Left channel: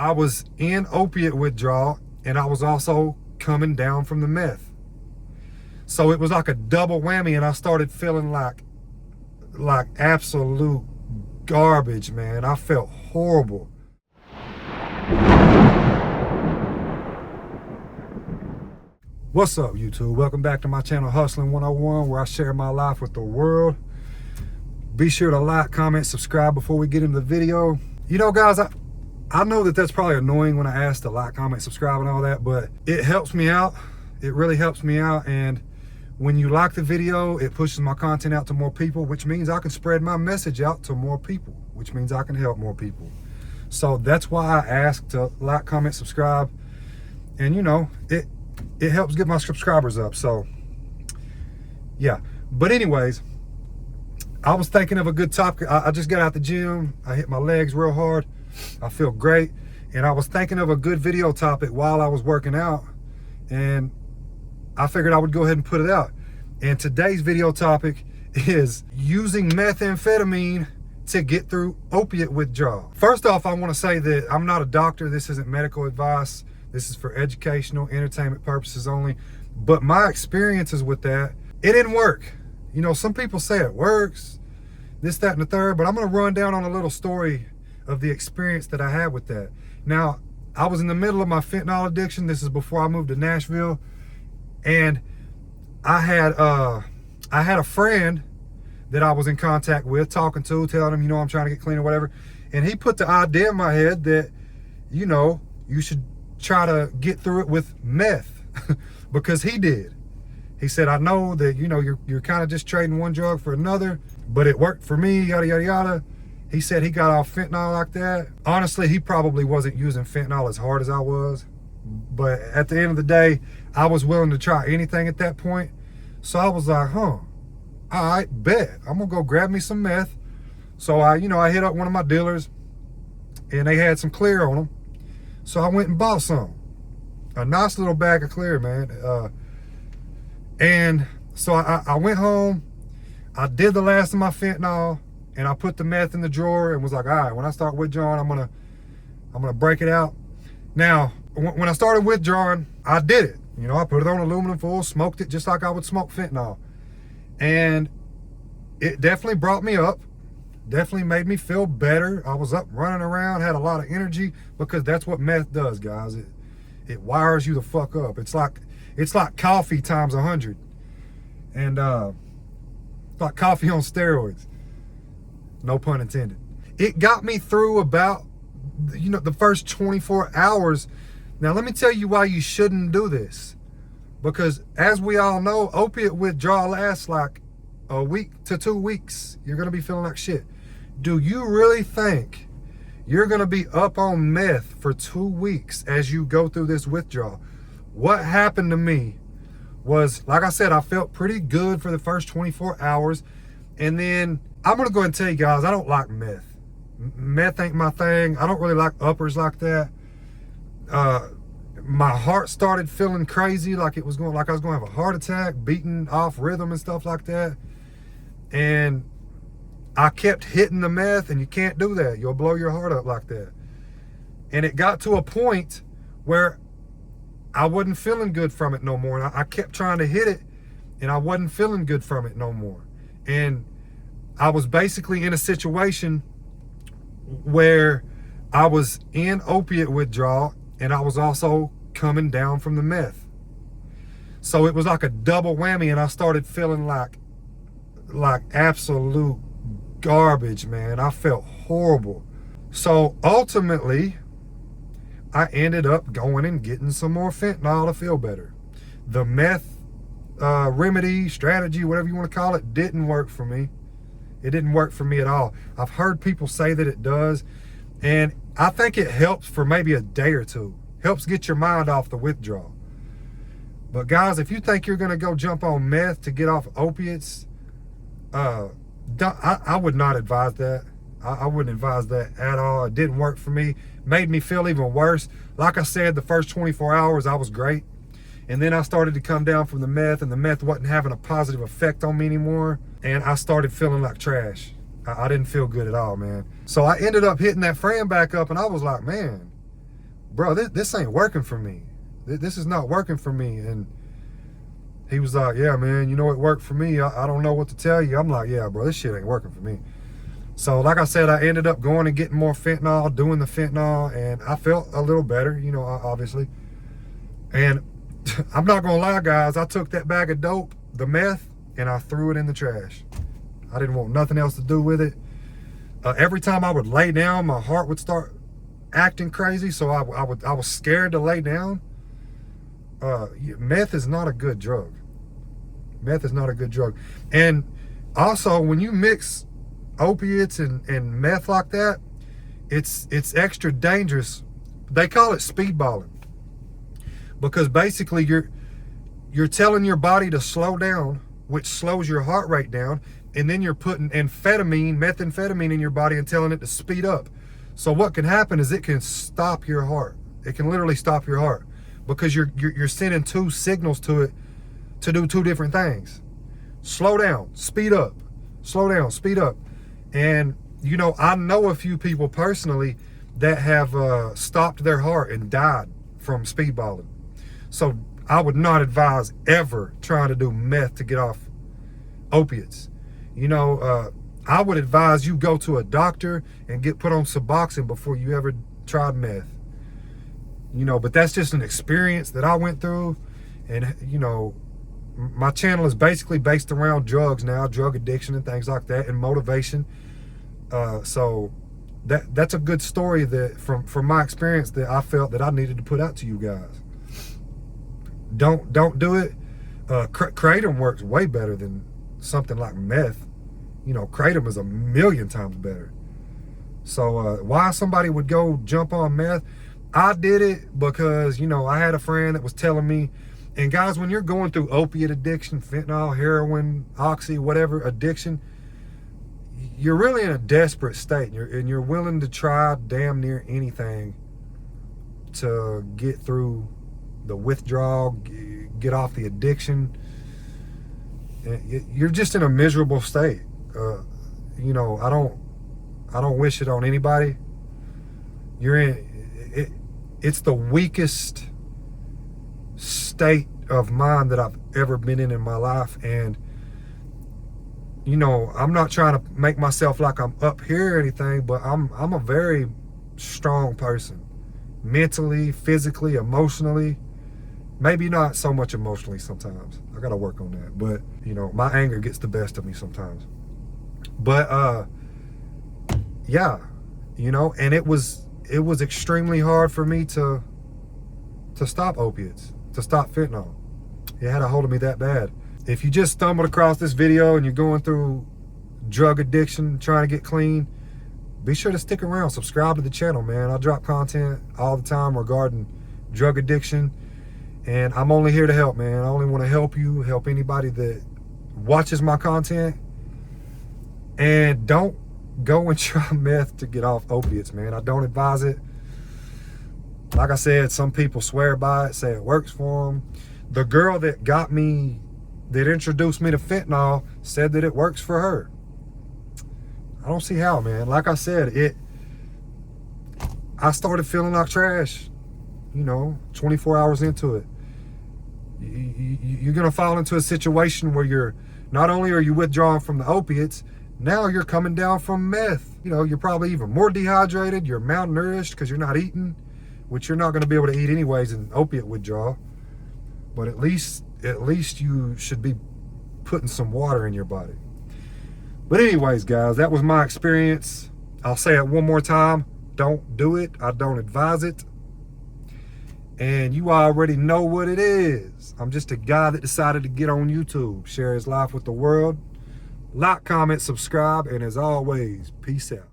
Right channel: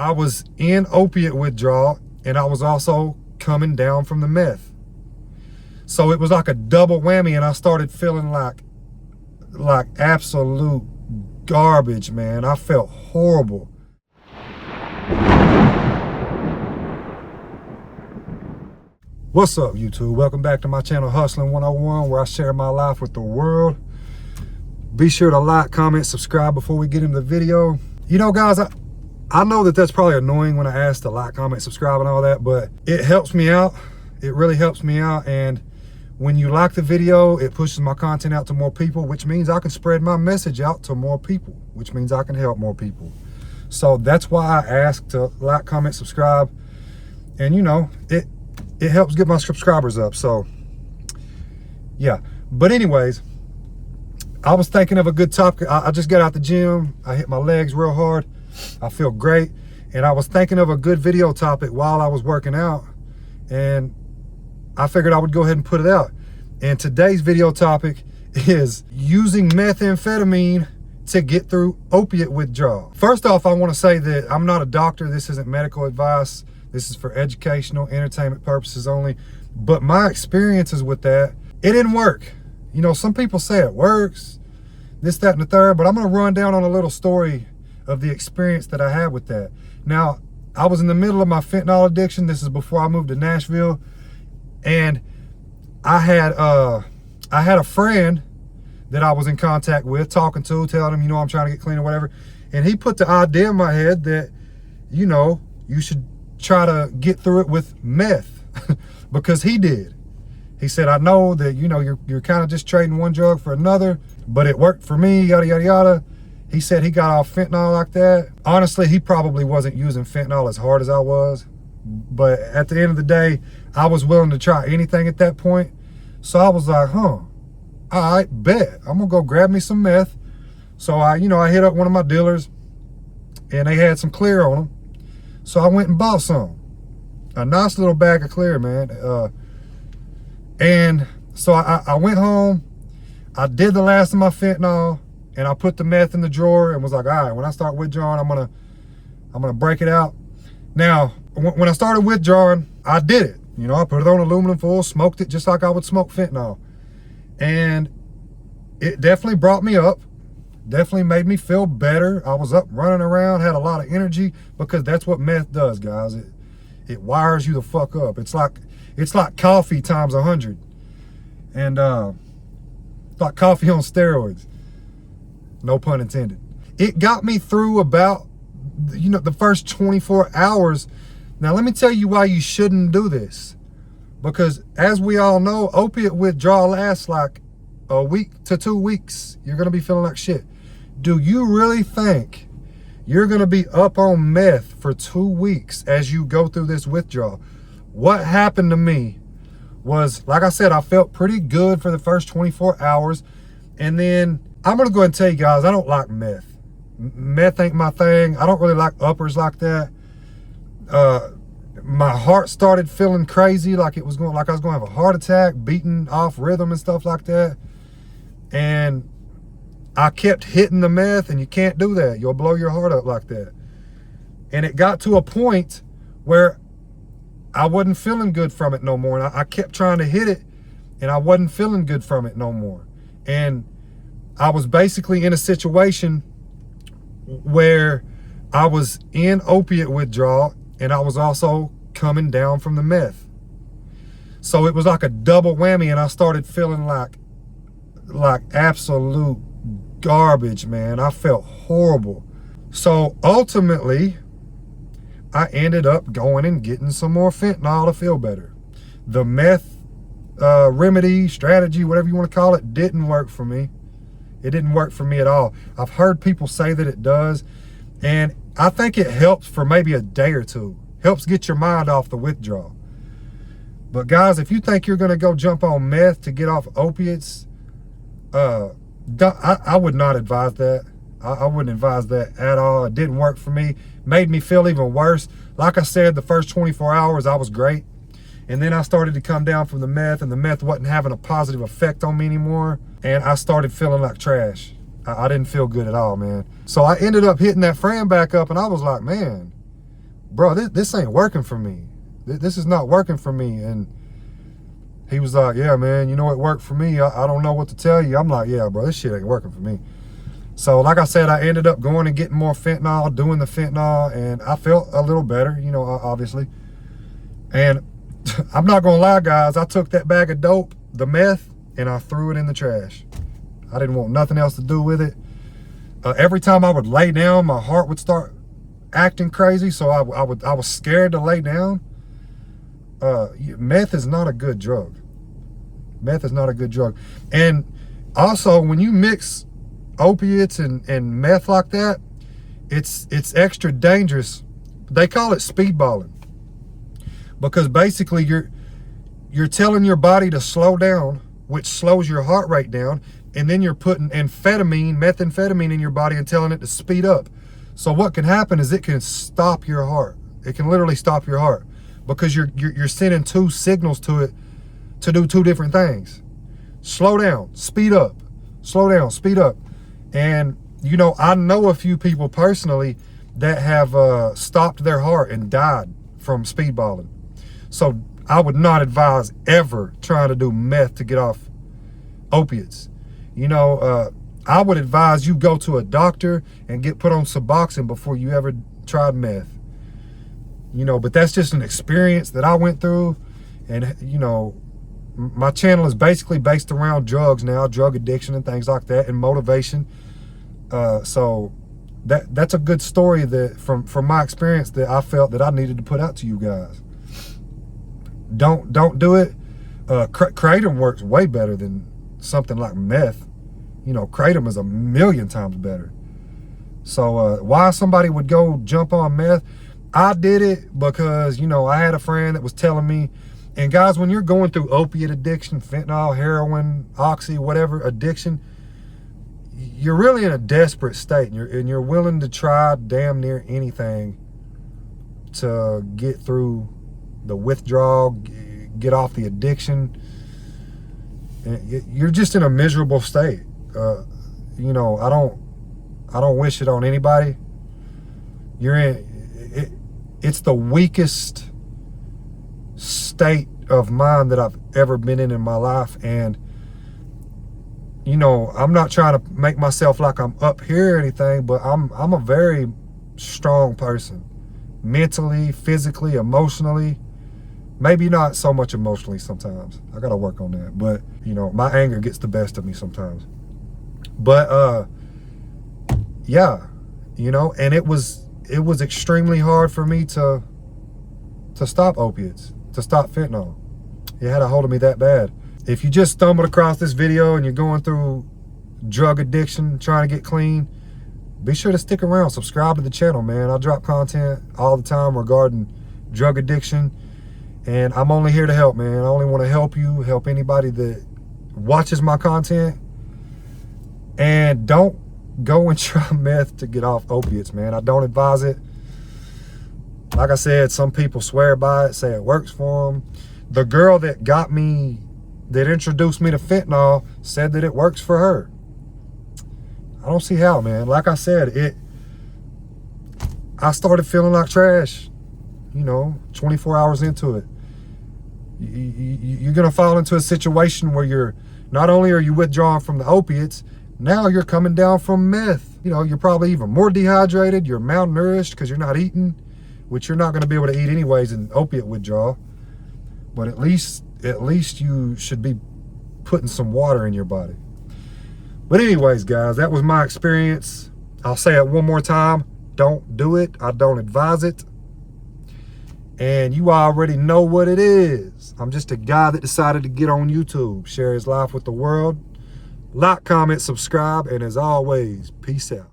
I was in opiate withdrawal and I was also coming down from the meth. So it was like a double whammy, and I started feeling like absolute garbage, man. I felt horrible. What's up, YouTube? Welcome back to my channel, Hustling 101, where I share my life with the world. Be sure to like, comment, subscribe before we get into the video. You know, guys, I know that that's probably annoying when I ask to like, comment, subscribe and all that, but it helps me out. It really helps me out. And when you like the video, it pushes my content out to more people, which means I can spread my message out to more people, which means I can help more people. So that's why I ask to like, comment, subscribe. And you know, it helps get my subscribers up. So yeah, but anyways, I was thinking of a good topic. I just got out the gym. I hit my legs real hard. I feel great. And I was thinking of a good video topic while I was working out, and I figured I would go ahead and put it out. And today's video topic is using methamphetamine to get through opiate withdrawal. First off, I want to say that I'm not a doctor. This isn't medical advice. This is for educational, entertainment purposes only. But my experiences with that, it didn't work. You know, some people say it works, this, that, and the third, but I'm going to run down on a little story of the experience that I had with that. Now, I was in the middle of my fentanyl addiction. This is before I moved to Nashville. And I had a friend that I was in contact with, talking to, telling him, you know, I'm trying to get clean or whatever. And he put the idea in my head that, you know, you should try to get through it with meth because he did. He said, I know that, you know, you're kind of just trading one drug for another, but it worked for me, yada, yada, yada. He said he got off fentanyl like that. Honestly, he probably wasn't using fentanyl as hard as I was. But at the end of the day, I was willing to try anything at that point. So I was like, all right, bet. I'm gonna go grab me some meth. So I hit up one of my dealers and they had some clear on them. So I went and bought some. A nice little bag of clear, man. And so I went home, I did the last of my fentanyl, and I put the meth in the drawer and was like, all right, when I start withdrawing, I'm gonna break it out. Now, when I started withdrawing, I did it. You know, I put it on aluminum foil, smoked it just like I would smoke fentanyl. And it definitely brought me up, definitely made me feel better. I was up running around, had a lot of energy, because that's what meth does, guys. It wires you the fuck up. It's like coffee times 100. And it's like coffee on steroids. No pun intended. It got me through about, you know, the first 24 hours. Now, let me tell you why you shouldn't do this. Because as we all know, opiate withdrawal lasts like a week to 2 weeks. You're going to be feeling like shit. Do you really think you're going to be up on meth for 2 weeks as you go through this withdrawal? What happened to me was, like I said, I felt pretty good for the first 24 hours. And then I'm going to go ahead and tell you guys, I don't like meth. Meth ain't my thing. I don't really like uppers like that. My heart started feeling crazy, like I was going to have a heart attack, beating off rhythm and stuff like that. And I kept hitting the meth, and you can't do that. You'll blow your heart up like that. And it got to a point where I wasn't feeling good from it no more. And I kept trying to hit it, and I wasn't feeling good from it no more. And I was basically in a situation where I was in opiate withdrawal and I was also coming down from the meth. So it was like a double whammy, and I started feeling like absolute garbage, man. I felt horrible. So ultimately, I ended up going and getting some more fentanyl to feel better. The meth remedy, strategy, whatever you want to call it, didn't work for me. It didn't work for me at all. I've heard people say that it does, and I think it helps for maybe a day or two. Helps get your mind off the withdrawal. But guys, if you think you're going to go jump on meth to get off opiates, I would not advise that. I wouldn't advise that at all. It didn't work for me. Made me feel even worse. Like I said, the first 24 hours, I was great. And then I started to come down from the meth, and the meth wasn't having a positive effect on me anymore. And I started feeling like trash. I didn't feel good at all, man. So I ended up hitting that friend back up, and I was like, man, bro, this ain't working for me. This is not working for me. And he was like, yeah, man, you know it worked for me. I don't know what to tell you. I'm like, yeah, bro, this shit ain't working for me. So like I said, I ended up going and getting more fentanyl, doing the fentanyl, and I felt a little better, you know, obviously. And I'm not gonna lie, guys, I took that bag of dope, the meth, and I threw it in the trash. I didn't want nothing else to do with it. Every time I would lay down, my heart would start acting crazy, so I was scared to lay down. Meth is not a good drug. Meth is not a good drug. And also, when you mix opiates and meth like that, it's extra dangerous. They call it speedballing, because basically you're telling your body to slow down, which slows your heart rate down, and then you're putting methamphetamine in your body and telling it to speed up. So what can happen is it can stop your heart. It can literally stop your heart, because you're sending two signals to it to do two different things. Slow down, speed up. Slow down, speed up. And you know, I know a few people personally that have stopped their heart and died from speedballing. So I would not advise ever trying to do meth to get off opiates. You know, I would advise you go to a doctor and get put on Suboxone before you ever tried meth. You know, but that's just an experience that I went through. And you know, my channel is basically based around drugs now, drug addiction and things like that, and motivation. So that's a good story that from my experience that I felt that I needed to put out to you guys. Don't do it. Kratom works way better than something like meth. You know, Kratom is 1,000,000 times better. So why somebody would go jump on meth? I did it because, you know, I had a friend that was telling me. And guys, when you're going through opiate addiction, fentanyl, heroin, oxy, whatever addiction, you're really in a desperate state, and you're willing to try damn near anything to get through the withdrawal, get off the addiction. You're just in a miserable state. You know, I don't wish it on anybody. You're in it. It's the weakest state of mind that I've ever been in my life. And you know, I'm not trying to make myself like I'm up here or anything, but I'm a very strong person, mentally, physically, emotionally. Maybe not so much emotionally sometimes. I gotta work on that. But you know, my anger gets the best of me sometimes. But yeah, you know, and it was extremely hard for me to stop opiates, to stop fentanyl. It had a hold of me that bad. If you just stumbled across this video and you're going through drug addiction, trying to get clean, be sure to stick around, subscribe to the channel, man. I drop content all the time regarding drug addiction, and I'm only here to help, man. I only want to help you, help anybody that watches my content. And don't go and try meth to get off opiates, man. I don't advise it. Like I said, some people swear by it, say it works for them. The girl that introduced me to fentanyl said that it works for her. I don't see how, man. Like I said, I started feeling like trash, you know, 24 hours into it. You're gonna fall into a situation where not only are you withdrawing from the opiates, now you're coming down from meth. You know, you're probably even more dehydrated, you're malnourished because you're not eating, which you're not gonna be able to eat anyways in opiate withdrawal. But at least you should be putting some water in your body. But anyways, guys, that was my experience. I'll say it one more time. Don't do it. I don't advise it. And you already know what it is. I'm just a guy that decided to get on YouTube, share his life with the world. Like, comment, subscribe, and as always, peace out.